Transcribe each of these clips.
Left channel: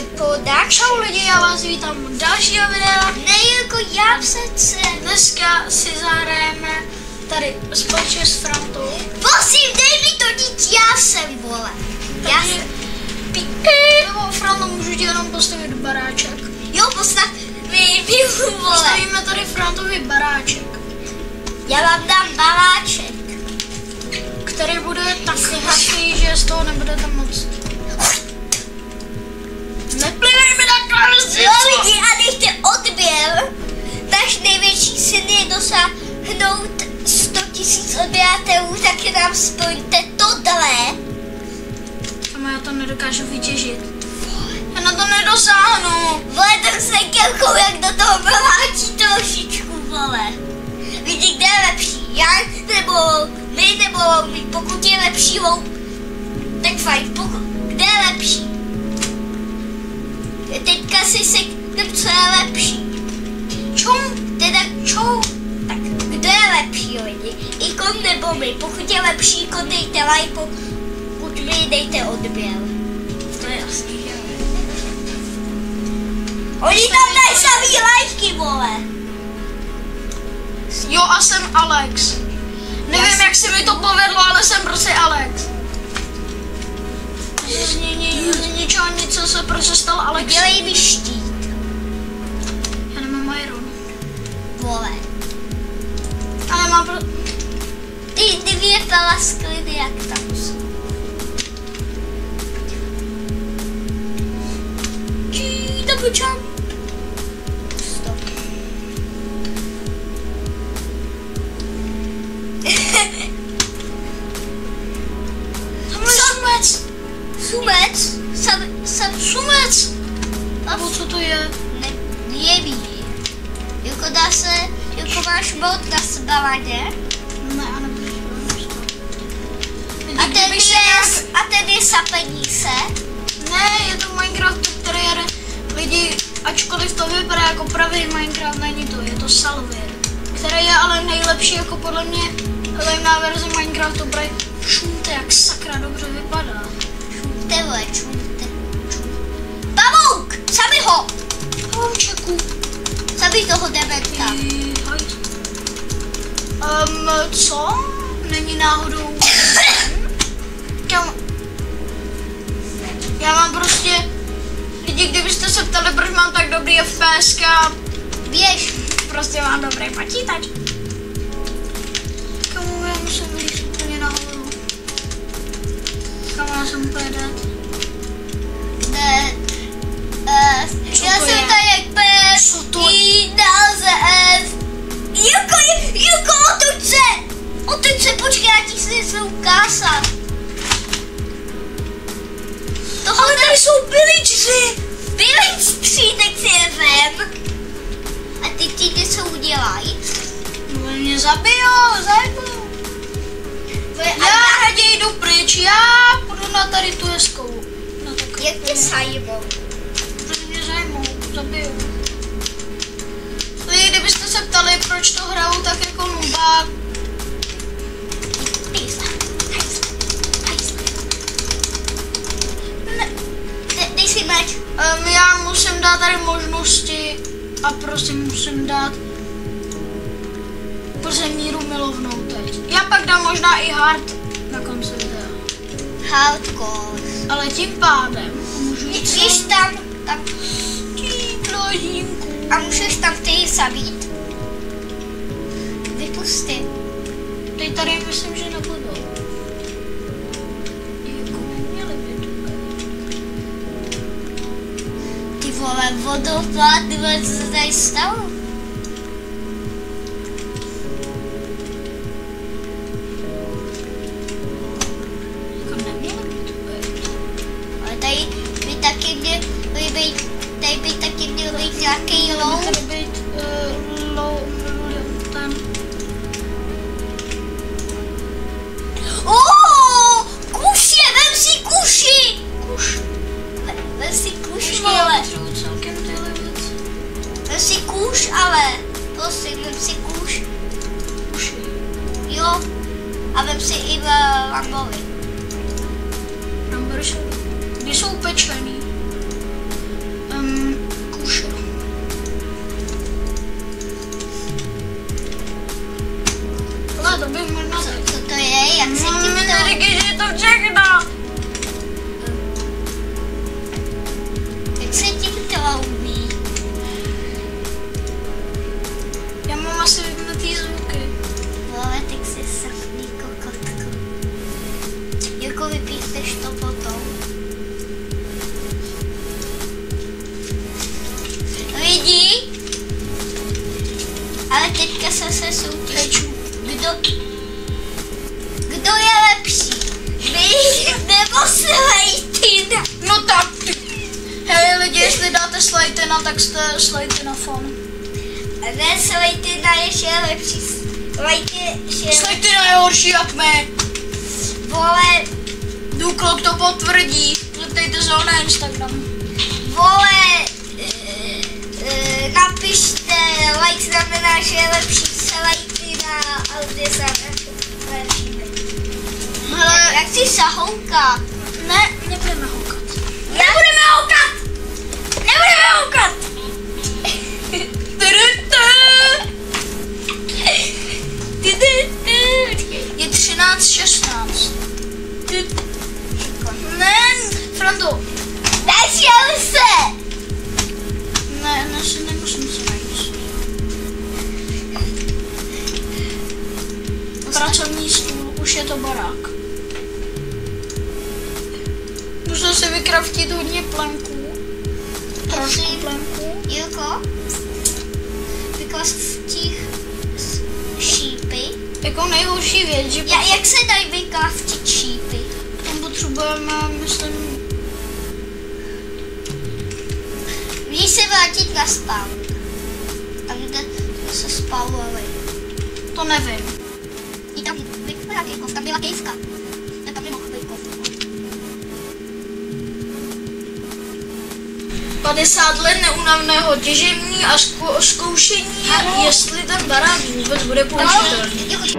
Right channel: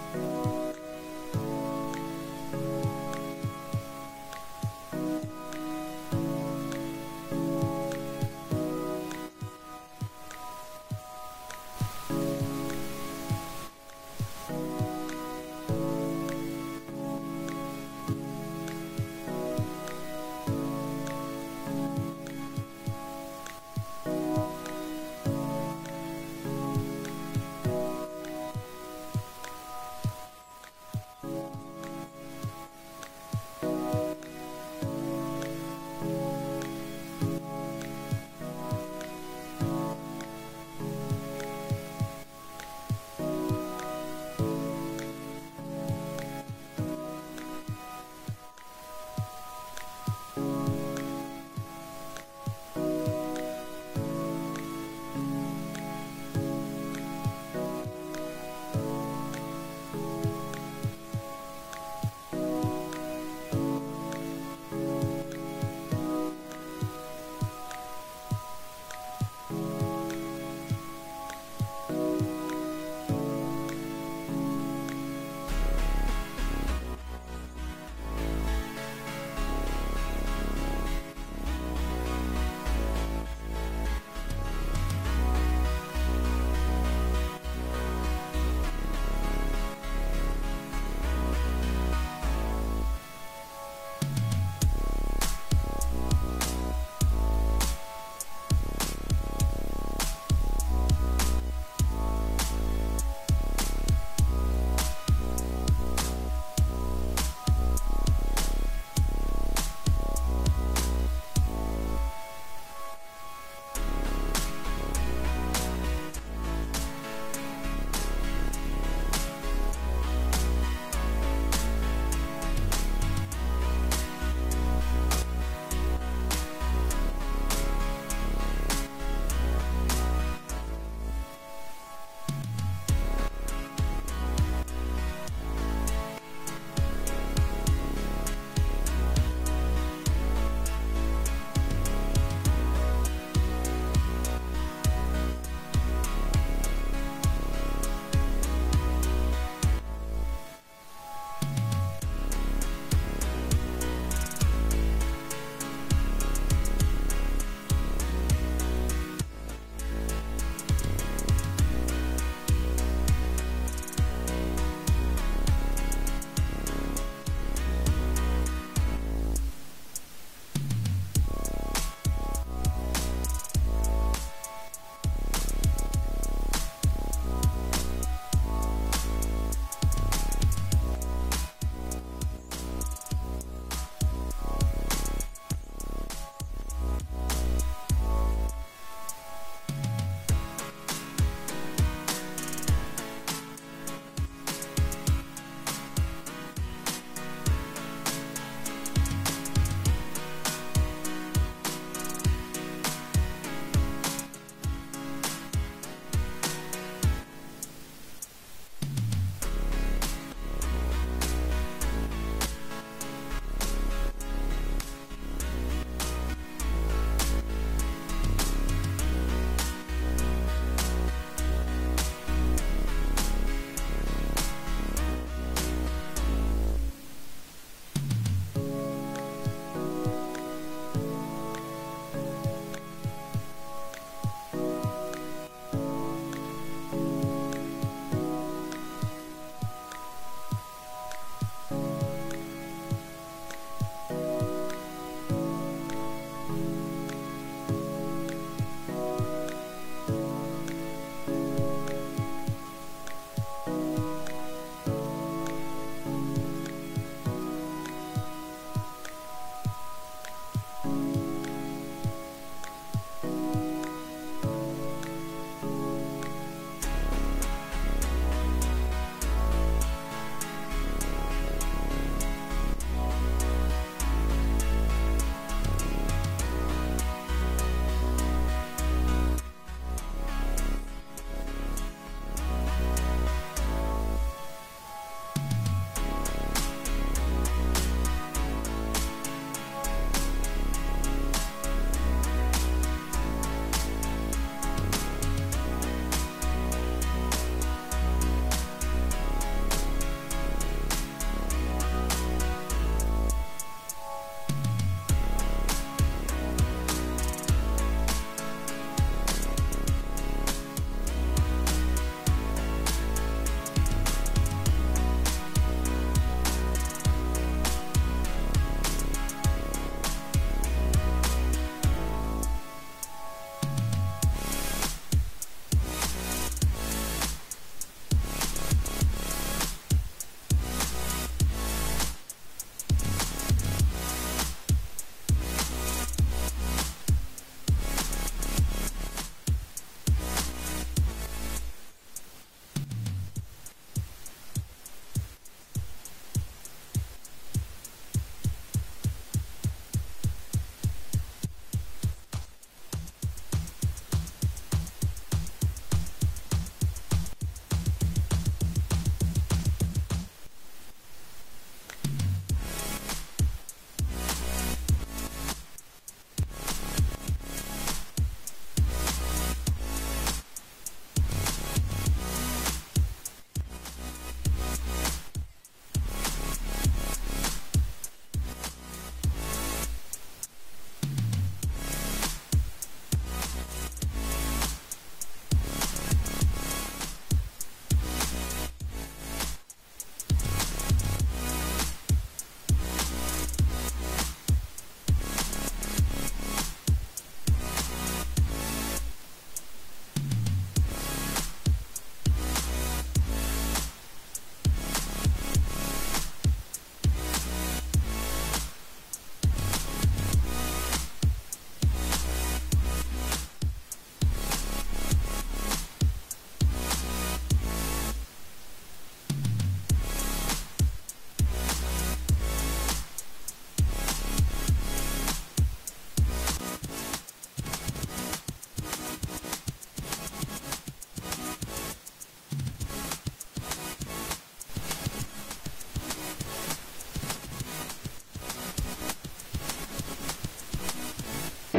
Vypadá. Čau lidi, já vás vítám u dalšího videa. Ne, jako já přece. Dneska si zahrajeme tady společně s Frantou. Prosím, dej mi to dít, já jsem, vole. Já jsem. Nebo Franto, můžu ti jenom postavit baráček. Jo, postav mi pivu, vole. Postavíme tady Frantovi baráček. Já vám dám baráček. Který bude tak hustý, že z toho nebudete moc. Neplivej mi takhle lidi, a nechte odběr. Náš největší sen je dosáhnout 100 000 odběratelů, tak nám spojíte tohle. Sama já to nedokážu vytěžit. Já na to nedosáhnu. Vole, tak se kelkou, jak do toho baráčí trošičku, vole. Vidíte, kde je lepší, já nebo vy, nebo my, pokud je lepší loup, tak fajn, kde je lepší? Teďka si seknem, co je lepší. Čum, teda čum. Tak, kdo je lepší, lidi? Ikon nebo my? Pokud je lepší ikon, dejte like, pokud my, dejte odběr. To je jasný, že? Oni tam dají samý lajky, vole. Jo, a jsem Alex. Nevím, jak se mi to povedlo, ale jsem prostě Alex. Z ničeho nic, co se prostě stalo Alex. Dělej mi štít. Já nemám iron. Vole. Ale mám Ty dvě palaskliny, jak tam jsou. Double jump. Stop. Tamhle sumec. Sumec? Sumec. Nebo co to je? Nevím. Jako dá se, jako máš bod na sbaladě. Ne, ale A ten je sapení se. Ne, je to Minecraft, který jede lidi, ačkoliv to vypadá jako pravý Minecraft, není to, je to Salvir, který je ale nejlepší jako podle mě levná verze Minecraftu, protože šumte jak sakra dobře vypadá. Šumte, vole, šumte. Pavouk! Zabij ho! Pavoučeku. Zabij toho dementa. Co? Není náhodou. Já mám prostě, lidi, kdybyste se ptali, proč mám tak dobrý FPS, Běž. prostě mám dobrý počítač. Kamu, já musím vylít úplně nahoru. Kamu, já jsem úplně dead. Já jsem tady jak pes. Co to je? Juko, otoč se! Otoč se, počkej, já ti si něco ukázat. Ale tady jsou pillageři! Pillageři, tak si je vem. A ty ti něco udělají? No, mě zabijou. Já raději jdu pryč, já půjdu na tady tu hezkou. No, tak Jak tě sajmou? protože mě zajmou, zabijou. Lidi, kdybyste se ptali, proč to hraju tak jako nubák, Dej si meč. já musím dát tady možnosti a prostě musím dát míru milovnou teď. Já pak dám možná i hard na konci videa. Hardcore. Ale tím pádem můžu jít Můžeš tam plodínku. a můžeš tam ty zabít. Vypusty. Teď tady myslím, že nebudou. Jako neměli by tu. Ty vole, vodopád, co se tady stalo? Jako neměli by tu být. Ale tady by taky měl být, tady by taky měl být nějaký low. Tady být low, ten. Kuši, vem si kuši! Vem si kuš, vole. Celkem tyhle věci. Vem si kuš, ale. Prosím, vem si kuš. Jo. A vem si i v Lambovi. Když jsou pečený. Slejtina, tak jste Slejtina fan. Ne, Slejtina je ještě lepší. Slejtina je horší jak my. Vole, Důklok to potvrdí. Zeptejte se ho na Instagram. vole, napište, like znamená, že je lepší Slejtina a ty se lepší. Hele, Jak jsi sahouka? ne, nebudeme houkat. Nebudeme houkat! Nebudeme houkat! Je 13:16. Ne, Franto. Nešel se! Ne, si nemusím se najít. Pracovní stůl, už je to barák. Musím si vykraftit hodně plenků. Trošku plenků. Jirko, vykraftíš šípy. Jako nejhorší věc, že Jak se dají vykraftit šípy? tam potřebujeme, myslím, Víš se vrátit na spawn. Tam, kde se spawnovali. to nevím. I tam vypadá kejkov, tam byla kejvka. Tam nemohl kejkov. 50 let neúnavného těžení a zkoušení, Ano. jestli ten barák vůbec bude použitelný.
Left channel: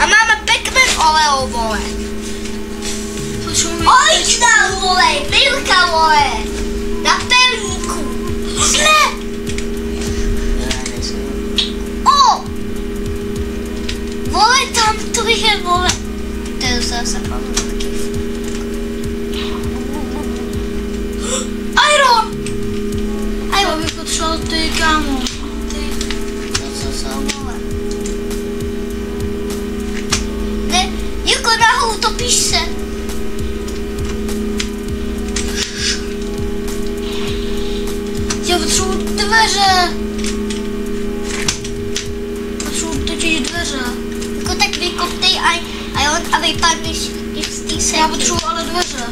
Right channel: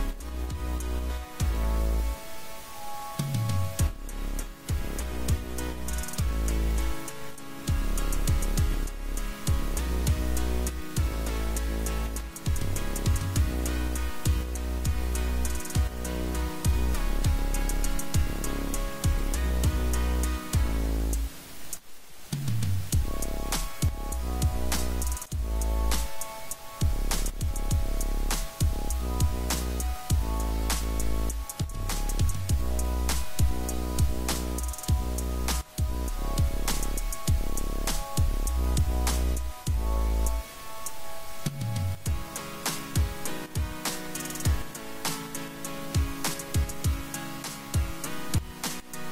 A máme pekmen oleo, vole. Potřebujeme Originál, vole, Milka, vole. Na pevníku. Ne. O. Vole, tam to je, vole. To je zase pavlíky. Iron! Já bych potřeboval ty, kámo. To jsou, vole. Ne, Jirko, nahoru, topíš se. Já potřebuji dveře. Potřebuji totiž dveře. Jako tak vykoptej a vypadneš i z té sedí. Já potřebuji ale dveře.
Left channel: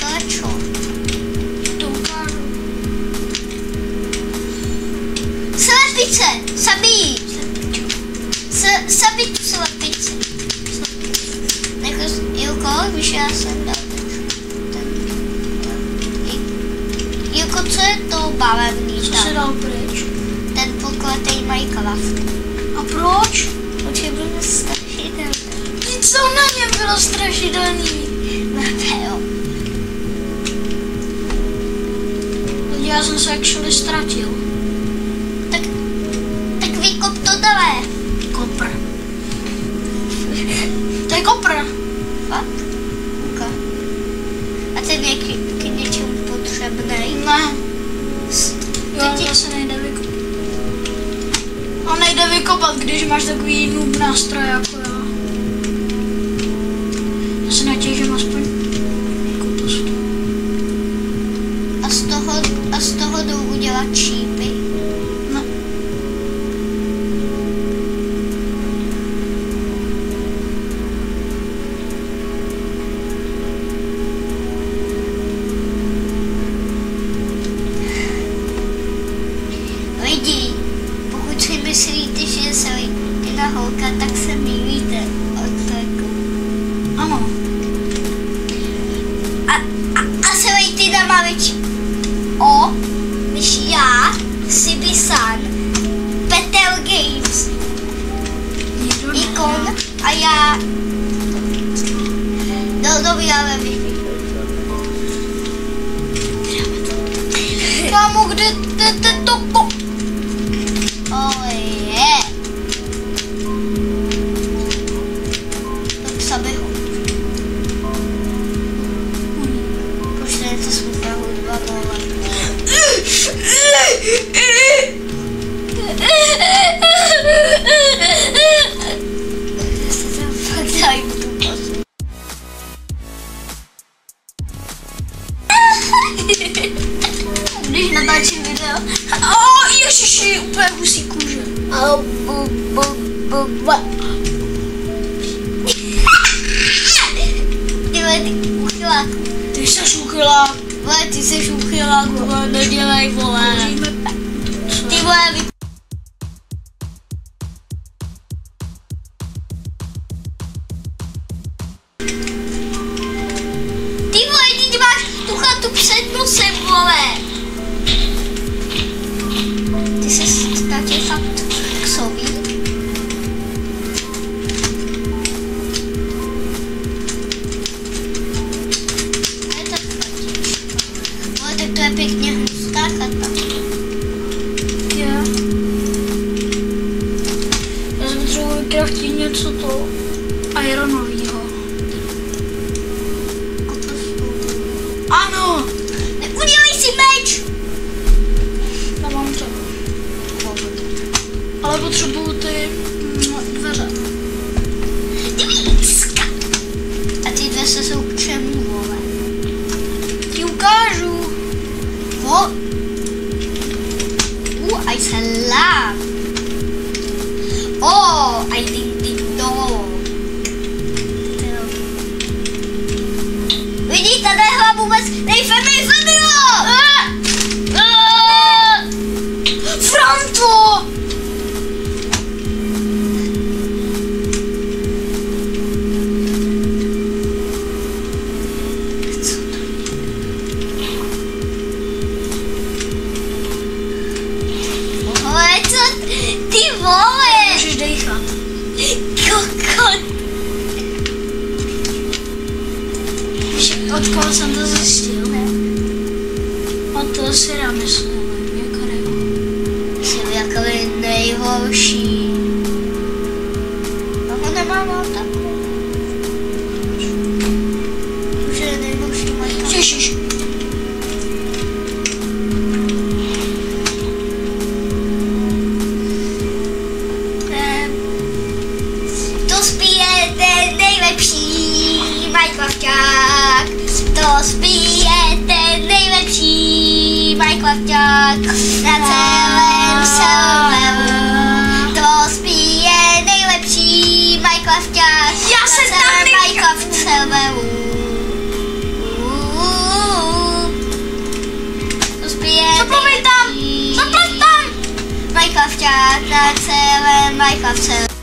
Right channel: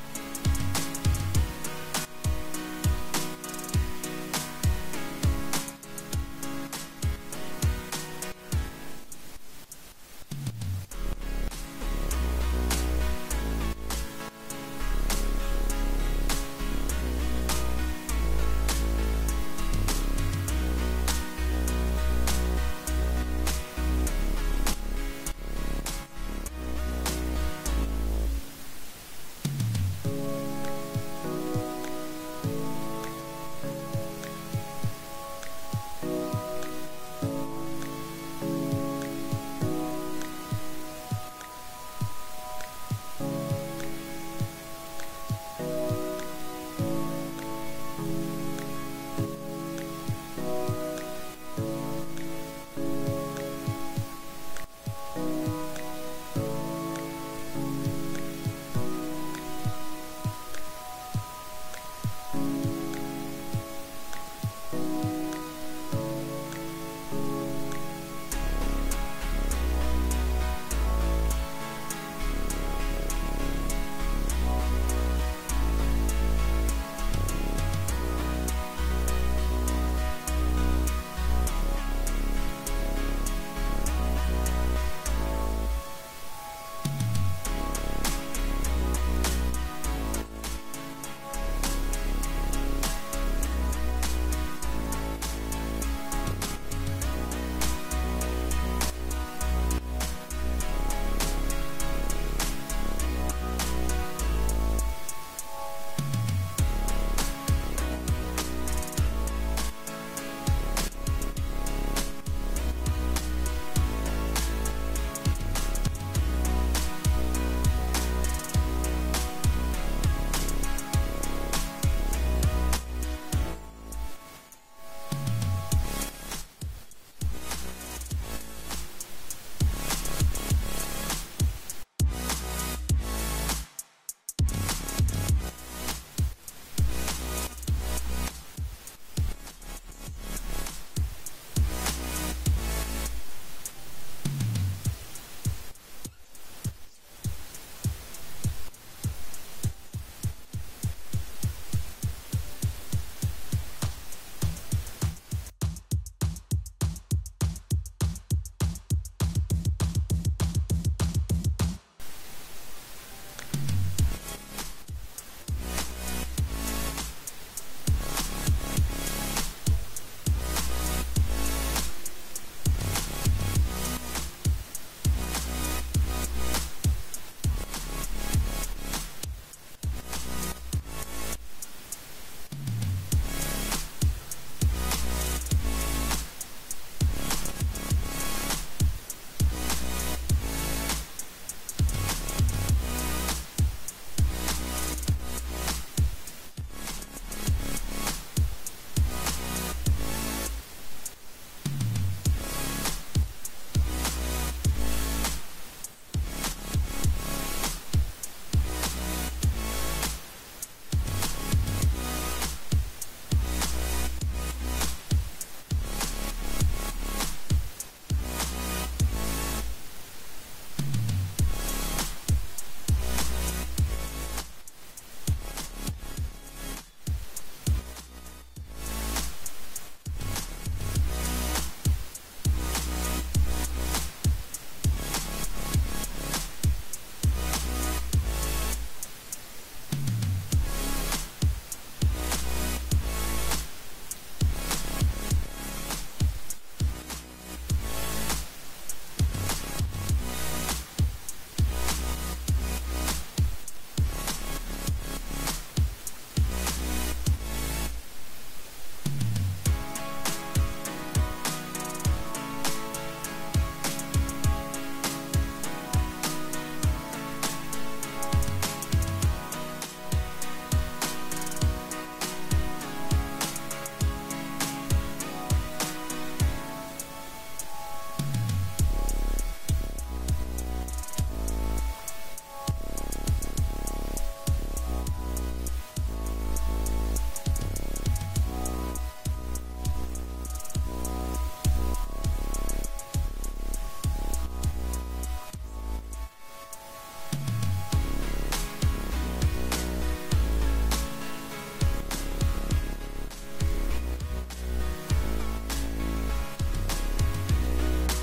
To je čo? To ukážu. Slepice, sabí. Sabí tu slepici. Jirko, víš, já jsem dal. Jirko, co je to barevný Co tam? se dal pryč? Ten pokletej Minecraft. A proč? Určitě byl strašidelný. Co na něm bylo strašidelný? Jo. Já jsem se actually ztratil. Tak vykop to dále. Kopr. To je kopr. Fakt? Okay. A ten je k něčemu potřebný. Ne. Jo, Teď- to se nejde vykopat. A nejde vykopat, když máš takový noob nástroj jako já. Já se natěžím aspoň koupust. A z toho jdou udělat čípy. No. Lidi, pokud si myslíte, že se Slejtina holka, tak se mýlíte. Ano. A Slejtina má větší O, než já Když natáčím video. Ježiši, úplně husí kůže. Ty jsi uchylák. Ty jsi uchylák, vole, nedělej, vole. Ty vole, ty máš tu chatu před nosem, vole. Ty se ztratil fakt k sobě. To je pěkně hustá chata. Já jsem potřeboval vykraftit něco to ironovýho. Ano! Udělej si meč! Mám to. Ale potřebuju ty dveře. Dvícka! A ty dveře jsou k čemu, vole? Ti ukážu. I salam. Oh, I think ding dong. Vidíte, nehla vůbec, nejfemi, Franto! ty vole. Můžeš dejchat. Kokot. Od koho jsem to zjistil? Od toho si já myslím, jako Jsem jako nejhorší. No ho nemám auta. Už je nejhorší majka. Ježiš. To spíje ten nejlepší Minecrafták. To spíje ten nejlepší Minecrafták na celém serveru. To spíje nejlepší Minecrafták Já jsem na celém tam Minecraft serveru. To spíje Zaplav tam! Zaplav tam! Minecrafták na celém Minecraft serveru.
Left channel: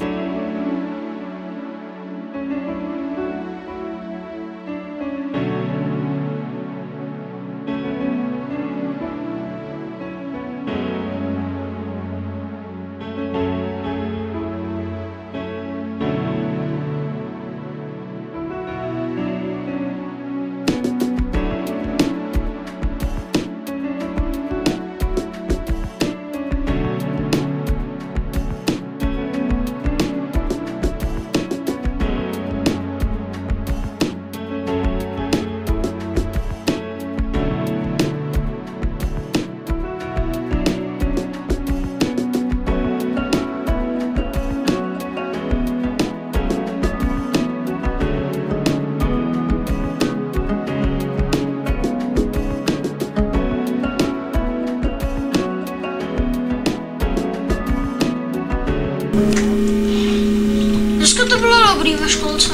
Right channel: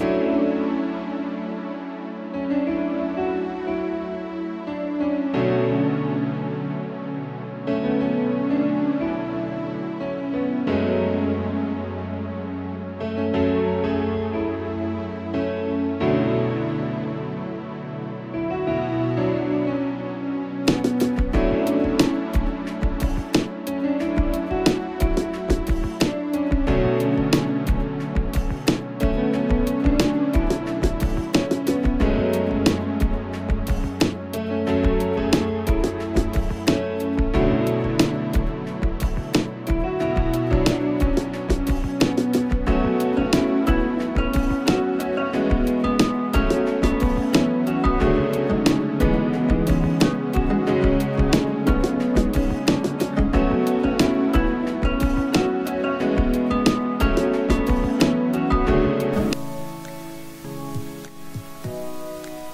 Dneska to bylo dobrý ve školce.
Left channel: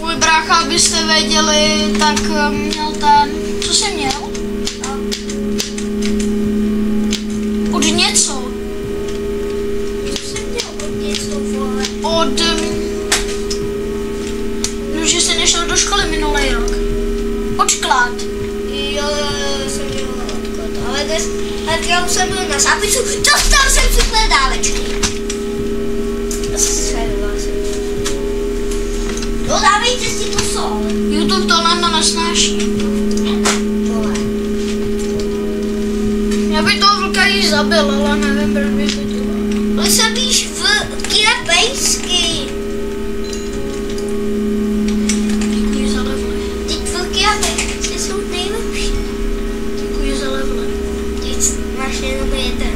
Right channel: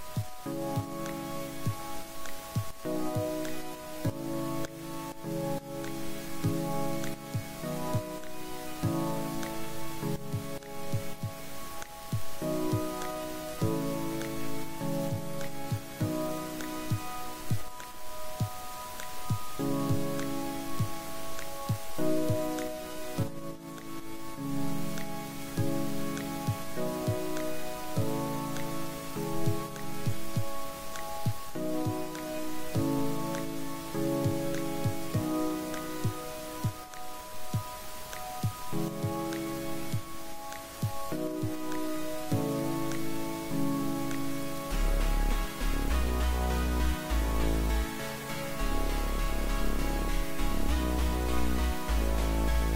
Můj brácha, abyste věděli, tak měl ten... Co jsi měl? Od něco. Od... No, že jsi nešel do školy minulý rok. Odklad. Jo, jsem měla odklad, ale dnes, já už jsem byl na zápisu, dostal jsem super dávečky. No dávejte si tu sol. YouTube to nám nesnáší. Vole. Já bych toho vlka již zabil, ale nevím, proč bych to dělal. Ale zabíš vlky na pejsky. Děkuji za levle. Ty vlky a pejsky jsou nejlepší. Děkuji za levle. Teď máš jenom jeden.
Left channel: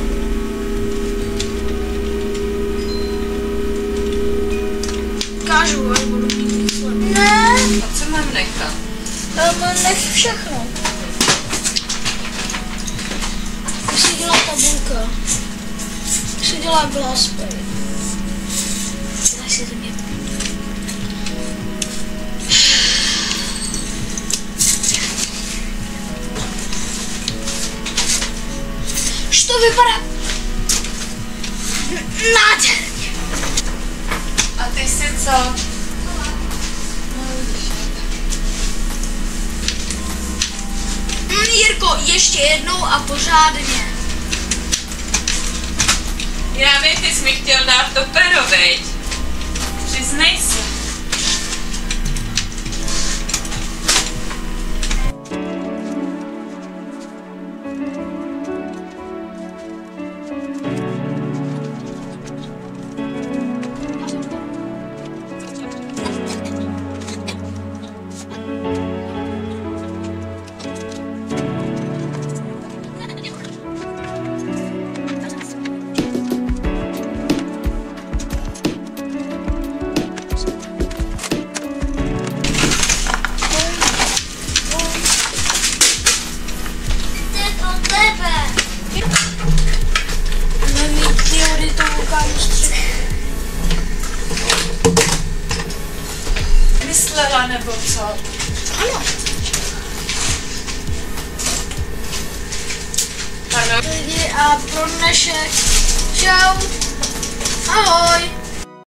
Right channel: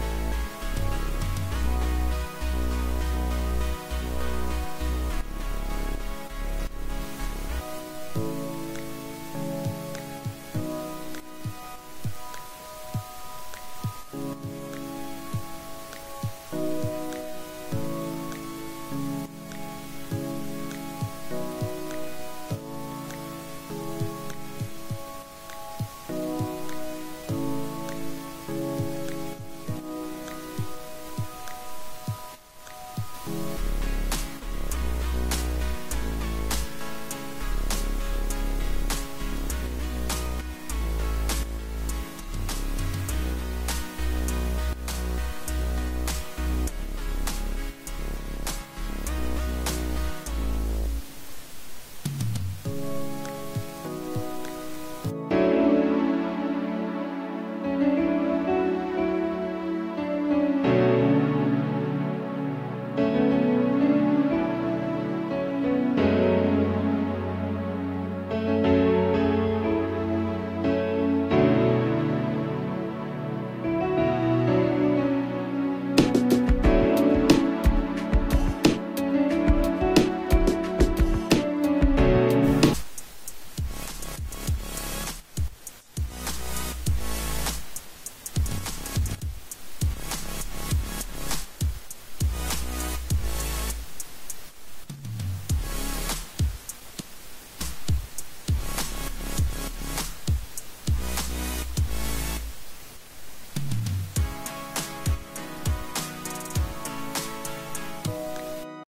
Kážu, až budu mít sled. Ne. A co mám nechat? Nech všechno. Jak se dělá tabulka? Jak se dělá glassplay? Dělej si to mě. Už to vypadá nádherně. A ty si co? Jirko, ještě jednou a pořádně. Já vím, ty jsi mi chtěl dát to pero, veď? Přiznej se. Myslela nebo co? Ano. Ano. Lidi a pro dnešek. Čau.